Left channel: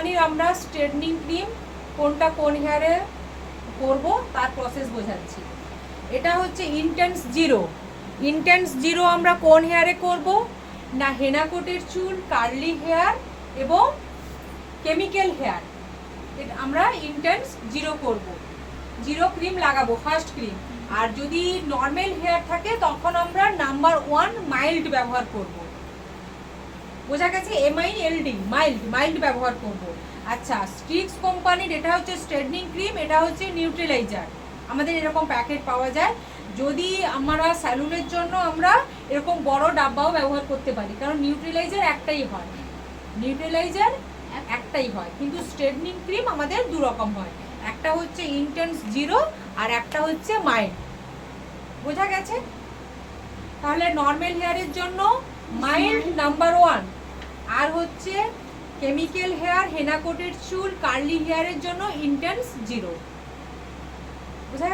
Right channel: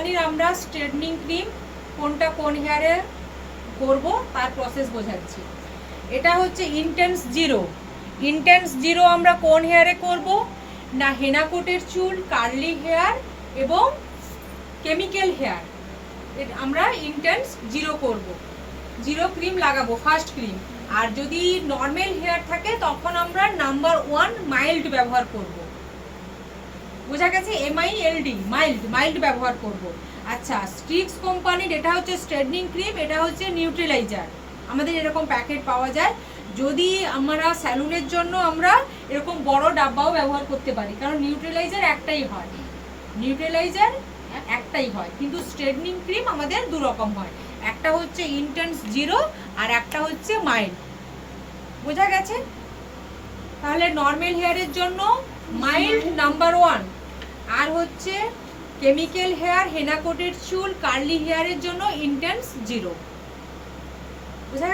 আমরা straightening cream কোনটা কোন হেয়ারে করব তার প্রসেস বোঝাচ্ছি। এটা হচ্ছে ইন্টেন্স জিরো। ইন্টেন্স জিরো আমরা কোন হেয়ারে করব না হেনা কোটের চুল, কার্লি হেয়ার এবং কেমিক্যাল হেয়ার। আমরা ইন্টেন্স জিরো করব, জিরো ক্রিম লাগাবো ফার্স্ট ক্রিম। আর যদি নর্মাল হেয়ার থাকে তখন আমরা নাম্বার 1 মাইল্ড ব্যবহার করব। বোঝা গেছে? MILD মাইল্ড ব্যবহার করব। আচ্ছা, স্ট্রিক্স কোম্পানির এটা হচ্ছে স্ট্রেটনিং ক্রিম, এটা হচ্ছে নিউট্রিলাইজার। আমাদের এরকম প্যাকেট পাওয়া যায়। যদি আমরা স্যালুনের জন্য আমরা এরকম বড় ডাব্বাও ব্যবহার করতে পারি, কারণ নিউট্রিলাইজার একটাই হয়, কিন্তু স্ট্রেটনিং ক্রিম আমাদের দু রকম হয়, একটা হচ্ছে ইন্টেন্স জিরো আর একটা হচ্ছে মাইল্ড। বোঝা গেছে? তাহলে নর্মাল হেয়ারের জন্য মাইল্ড নাম্বার 1, আর হচ্ছে কেমিক্যাল হেয়ার, হেনা কোটের চুল, কার্লি হেয়ারের জন্য ইন্টেন্স জিরো। বোঝা গেছে?